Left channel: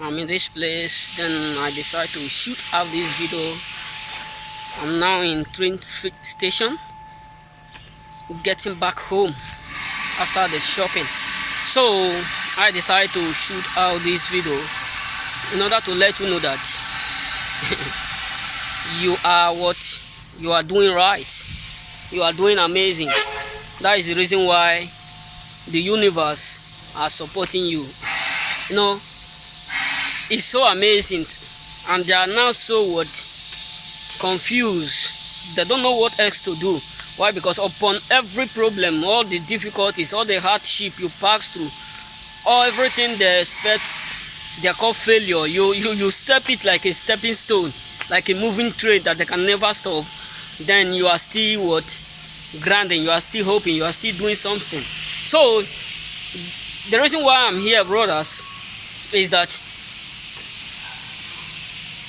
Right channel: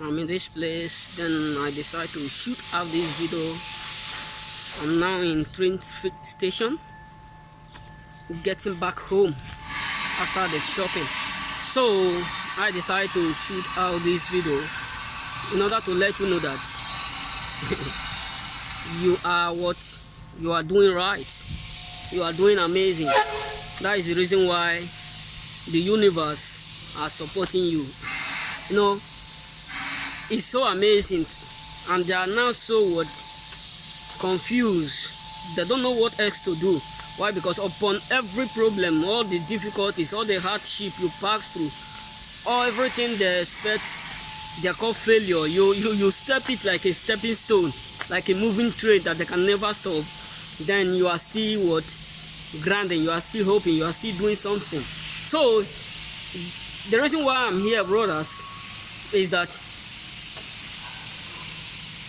I'm in this place, then I decide to shoot out this video. I'm now in train station, getting back home after the shopping. So I decide to shoot out this video in order to let you know that you are doing right. You are doing amazing. That is the reason why the universe are supporting you. You know, it's so amazing, and they are now so confused. They don't know what else to do. Why? Because upon every problem, all the difficulties, all the hardship you pass through, or everything they expect, they call failure. You step it like a stepping stone, like a moving train that they can never stop. Then you are still grinding, you are still hoping, you are still doing something. So the reason why I'm here, brothers, is that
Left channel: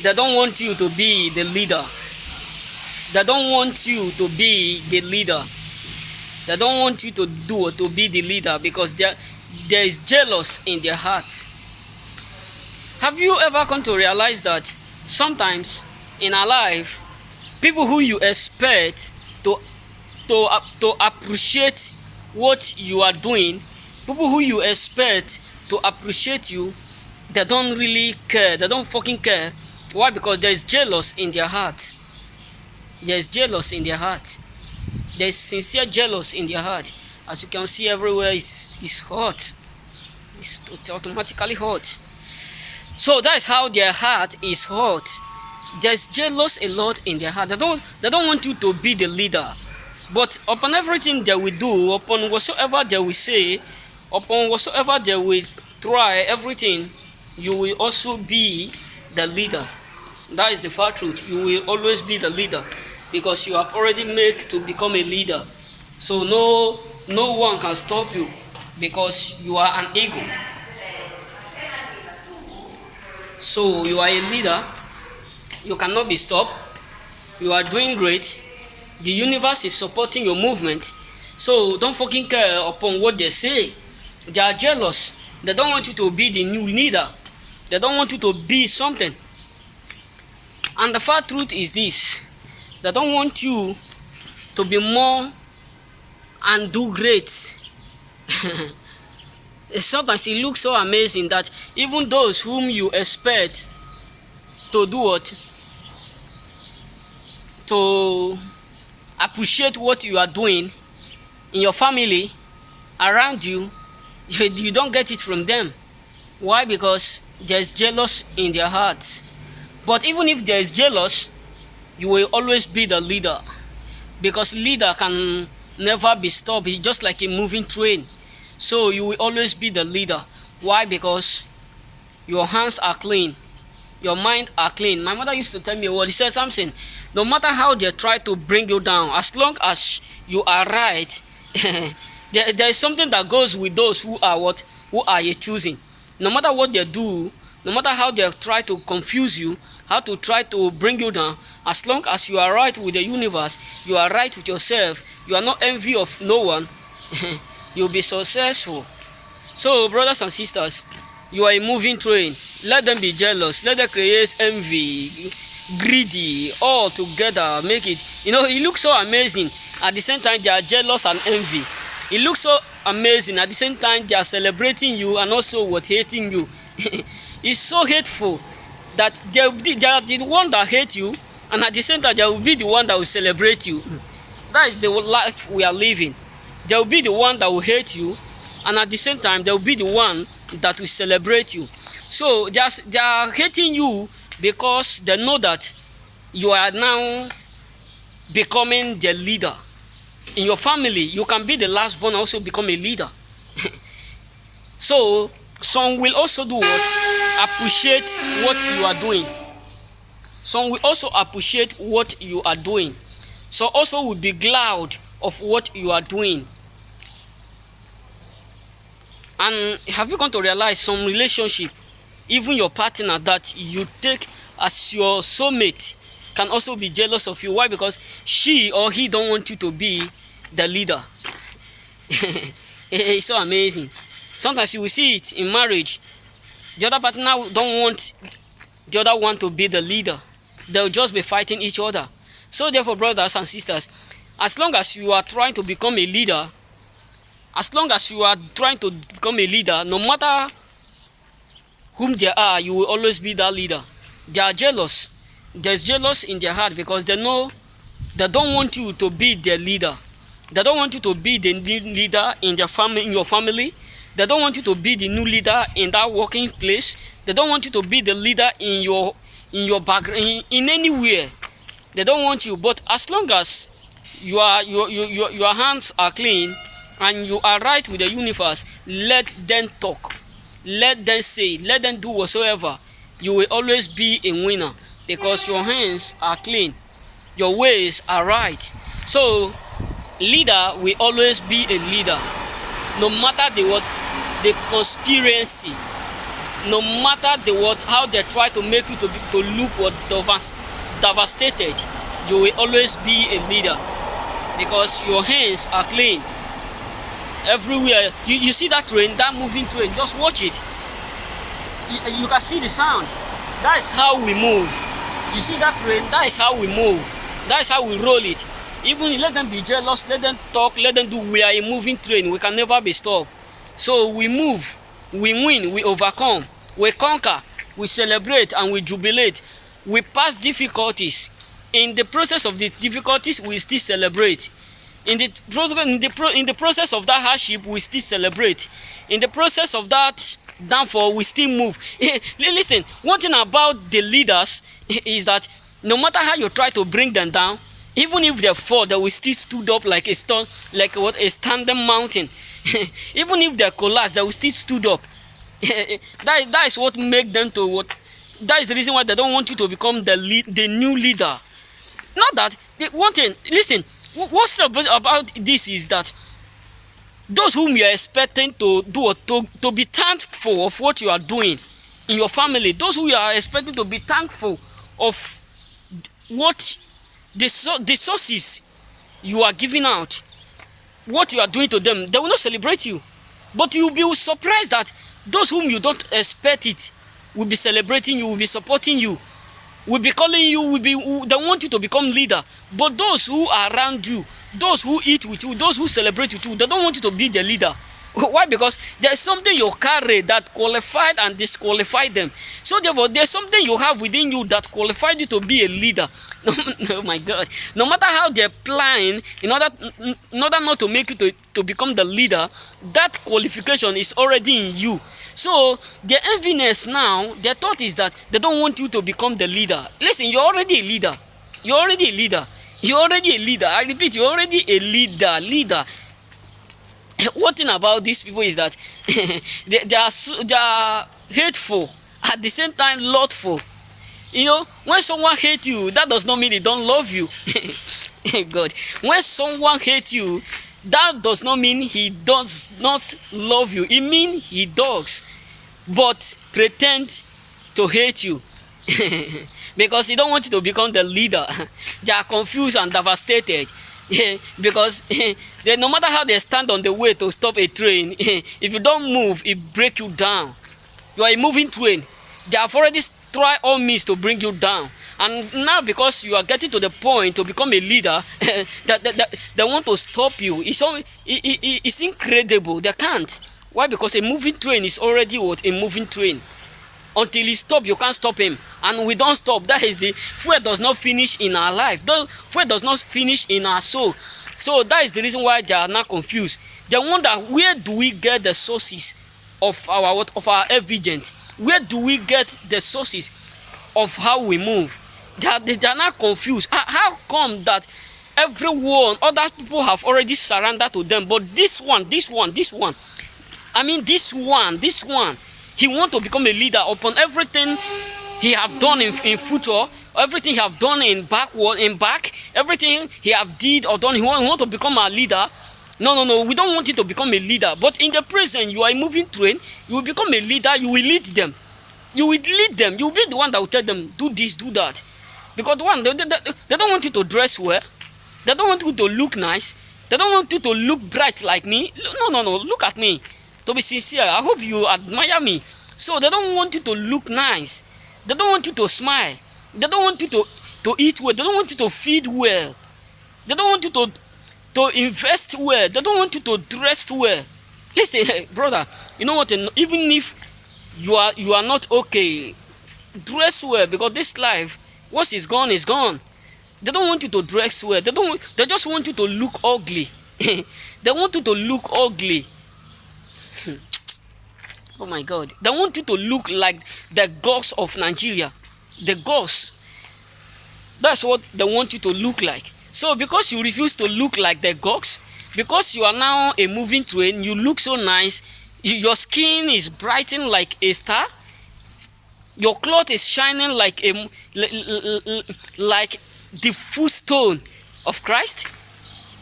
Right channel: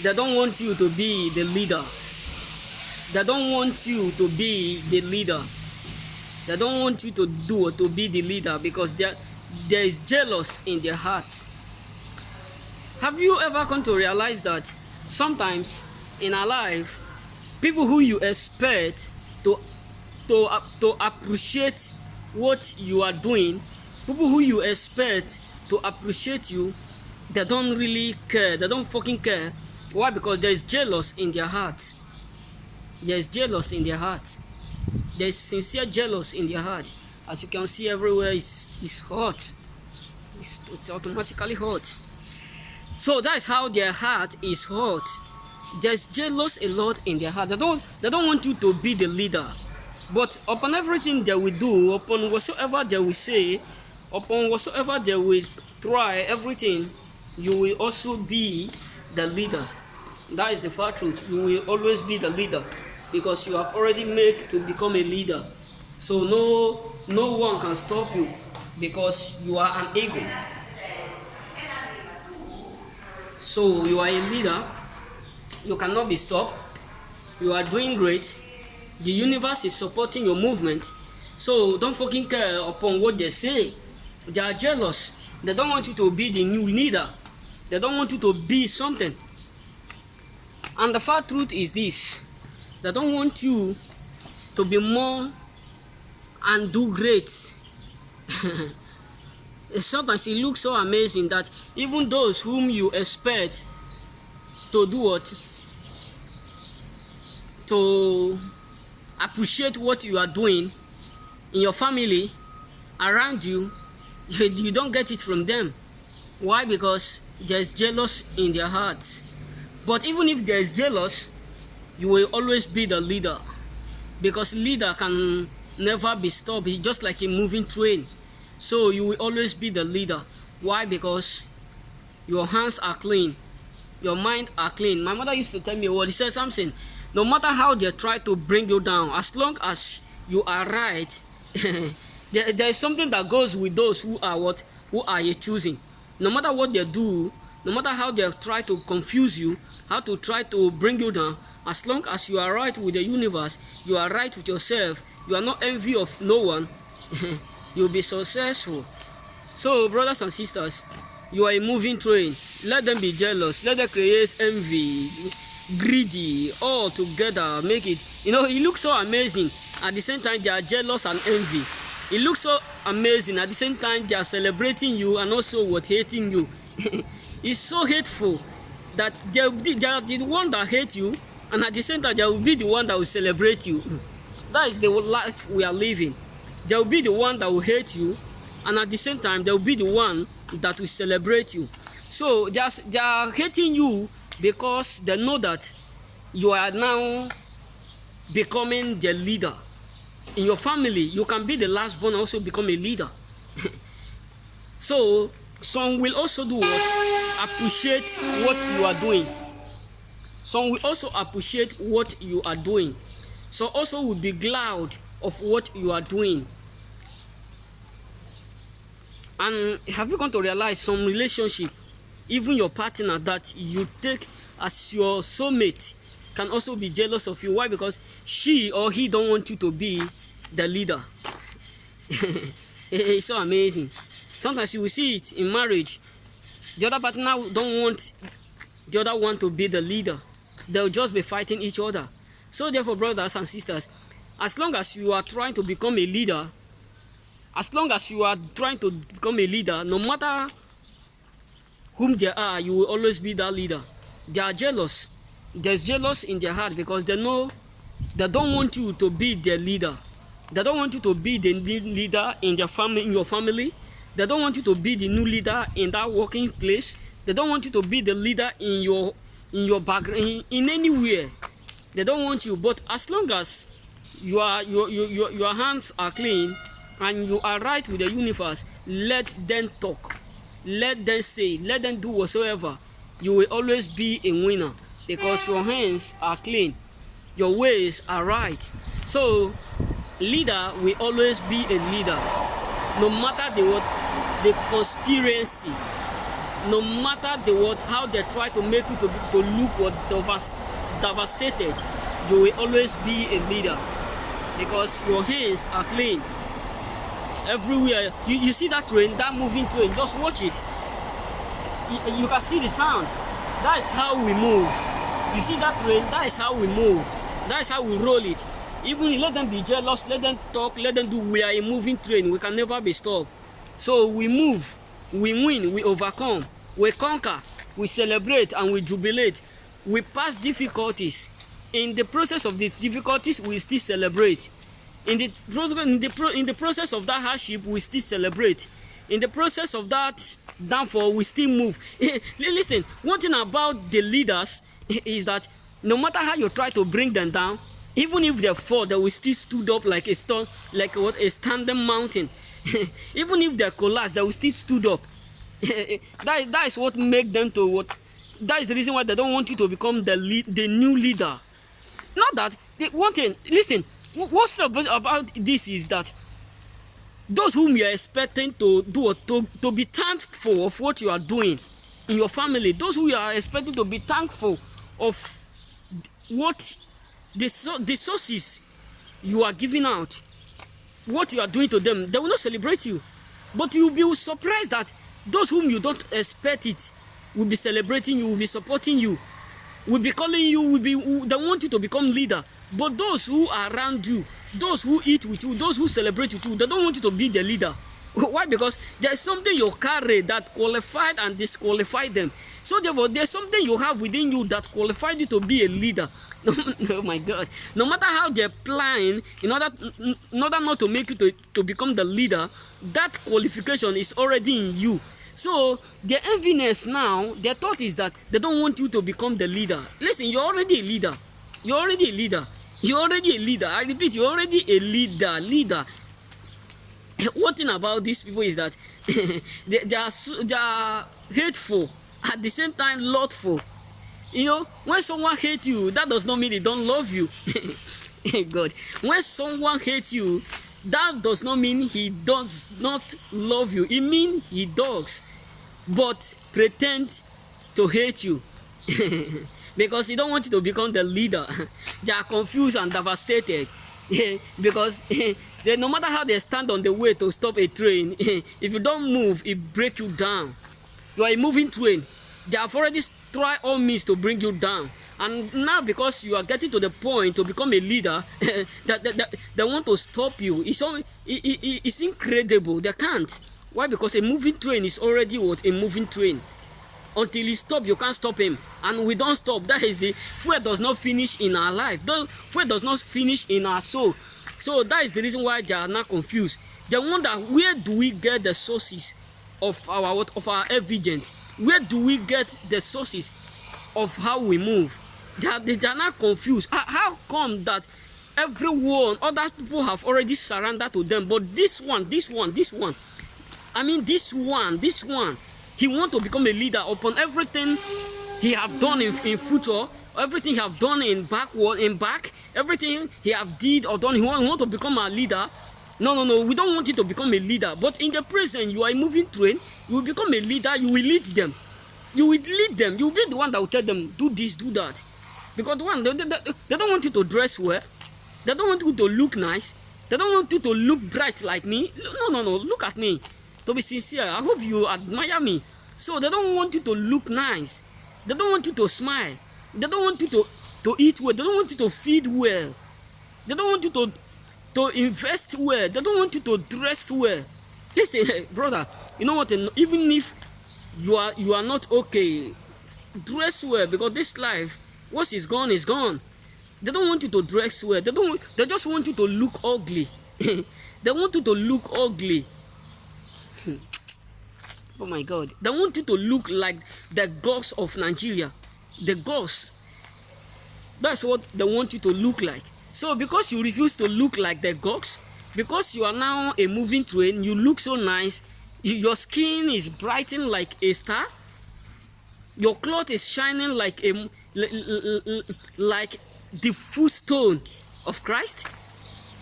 they don't want you to be the leader. They don't want you to be the leader. They don't want you to be the leader because there is jealous in their heart. Have you ever come to realize that sometimes in our life, people who you expect to appreciate what you are doing, people who you expect to appreciate you, they don't really care. They don't fucking care. Why? Because there is jealous in their heart. There is jealous in their heart. There is sincere jealous in their heart. As you can see everywhere, it's hot. It's automatically hot. So that's how their heart is hot. There's jealous a lot in their heart. They don't want you to be the leader. But upon everything they will do, upon whatsoever they will say, upon whatsoever they will try, everything, you will also be the leader. That is the far truth. You will always be the leader because you have already made to become a leader. So no one can stop you because you are an ego. So you are a leader. You cannot be stopped. You are doing great. The universe is supporting your movement. So don't fucking care upon what they say. They are jealous. They don't want you to be the new leader. They don't want you to be something. And the far truth is this. They don't want you to be more and do great. Sometimes it looks so amazing that even those whom you expect to do what? To appreciate what you are doing in your family, around you, you don't get it from them. Why? Because there's jealous in their hearts. But even if there is jealous, you will always be the leader, because leader can never be stopped. It's just like a moving train. So you will always be the leader. Why? Because your hands are clean, your mind are clean. My mother used to tell me a word. He said something: no matter how they try to bring you down, as long as you are right, there is something that goes with those who are you choosing. No matter what they do, no matter how they try to confuse you, how to try to bring you down, as long as you are right with the universe, you are right with yourself, you are not envy of no one, you'll be successful. So brothers and sisters, you are a moving train. Let them be jealous. Let them create envy, greedy, all together. Make it, it looks so amazing. At the same time, they are jealous and envy. It looks so amazing. At the same time, they are celebrating you and also hating you. It's so hateful that they are the one that hate you, and at the same time, they will be the one that will celebrate you. That is the life we are living. They will be the one that will hate you, and at the same time, they will be the one that will celebrate you. So they are hating you because they know that you are now becoming the leader. In your family, you can be the last born and also become a leader. So some will also do what? Appreciate what you are doing. Some will also appreciate what you are doing. So also will be glad of what you are doing. And have you come to realize some relationship, even your partner that you take as your soulmate, can also be jealous of you? Why? Because she or he don't want you to be the leader. It's so amazing. Sometimes you will see it in marriage. The other partner don't want the other one to be the leader. They'll just be fighting each other. So therefore, brothers and sisters, as long as you are trying to become a leader, no matter whom they are, you will always be that leader. They are jealous. There's jealous in their heart because they know they don't want you to be their leader. They don't want you to be the new leader in their family, in your family. They don't want you to be the new leader in that working place. They don't want you to be the leader in your background, in anywhere. They don't want you. But as long as your hands are clean and you are right with the universe, let them talk. Let them say, let them do whatsoever. You will always be a winner because your hands are clean. Your ways are right. So, leader will always be a leader. No matter the conspiracy, no matter how they try to make you to look devastated, you will always be a leader because your hands are clean. Everywhere you see that train, that moving train, just watch it. You can see the sound. That is how we move. You see that train, that is how we move. That is how we roll it. Even let them be jealous, let them talk, let them do. We are a moving train. We can never be stopped. So we move, we win, we overcome, we conquer, we celebrate, and we jubilate. We pass difficulties. In the process of the difficulties, we still celebrate. In the process of that hardship, we still celebrate. In the process of that downfall, we still move. Listen, one thing about the leaders is that no matter how you try to bring them down, even if they fall, they will still stood up like a stone, like a standing mountain. Even if they collapse, they will still stood up. That is what makes them to what. That is the reason why they don't want you to become the new leader. Not that one thing. Listen. What's about this is that those whom you are expecting to do to be thankful of what you are doing in your family, those who you are expecting to be thankful of what the sources you are giving out, what you are doing to them, they will not celebrate you. But you will be surprised that those whom you don't expect it will be celebrating you, will be supporting you, will be calling you, they want you to become leader. But those who are around you, those who eat with you, those who celebrate with you, they don't want you to be the leader. Why? Because there's something you carry that qualified and disqualified them. So therefore, there's something you have within you that qualified you to be a leader. Oh my God. No matter how they're planning, in order not to make you to become the leader, that qualification is already in you. So their enviness now, their thought is that they don't want you to become the leader. Listen, you're already a leader. You're already a leader. You're already a leader. I repeat, you're already a leader. One thing about these people is that they are hateful, at the same time lordful. You know, when someone hates you, that does not mean they don't love you. God, when someone hates you, that does not mean he does not love you. It means he does, but pretend to hate you. Because he don't want you to become the leader. They are confused and devastated. Because no matter how they stand on the way to stop a train, if you don't move, it breaks you down. You are a moving train. They have already tried all means to bring you down. And now because you are getting to the point to become a leader, that they want to stop you. It's incredible. They can't. Why? Because a moving train is already what? A moving train. Until he stops, you can't stop him. And we don't stop. That is the fuel does not finish in our life. The fuel does not finish in our soul. So that is the reason why they are not confused. They wonder, where do we get the sources of our evidence? Where do we get the sources of how we move? They are not confused. How come that everyone, other people have already surrendered to them, but this one, I mean this one, he wants to become a leader upon everything he have done in future, everything he have done in back, everything he have did or done. He want to become a leader. No, we don't want you to become a leader. But in the present, you are a moving train. You will become a leader. You will lead them. You will lead them. You will be the one that will tell them, do this, do that. Because one, they don't want you to dress well. They don't want you to look nice. They don't want you to look bright like me. No, look at me. To be sincere, I hope you admire me. So they don't want you to look nice. They don't want you to smile. They don't want you to eat well. They don't want you to feed well. They don't want you to invest well. They don't want you to dress well. Listen, brother, you know what? Even if you are not okay, dress well, because this life, once it's gone, it's gone. They don't want you to dress well. They just want you to look ugly. They want you to look ugly. Oh my God. They want you to look like the gods of Nigeria. The gods. That's what they want you to look like. So because you refuse to look like the gods, because you are now a moving train, you look so nice, your skin is brightened like a star, your cloth is shining like like the full stone of Christ,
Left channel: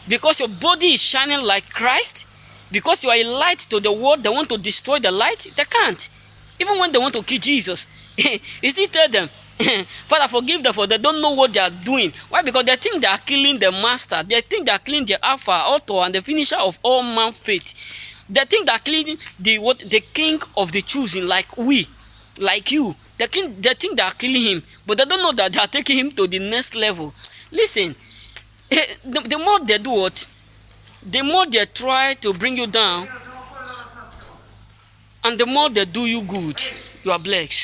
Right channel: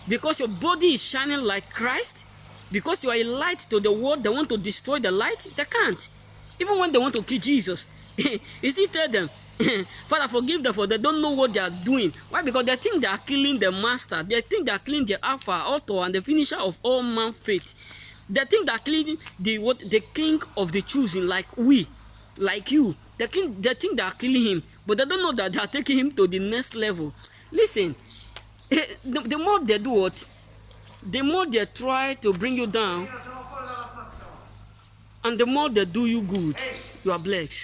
because your body is shining like Christ, because you are a light to the world. They want to destroy the light. They can't. Even when they want to kill Jesus, he still tell them, Father, forgive them, for they don't know what they are doing. Why? Because they think they are killing the master. They think they are killing the Alpha, author, and the finisher of all man's faith. They think they are killing the king of the choosing, like we, like you. They think they are killing him, but they don't know that they are taking him to the next level. Listen, the more they do what, the more they try to bring you down, and the more they do you good, you are blessed.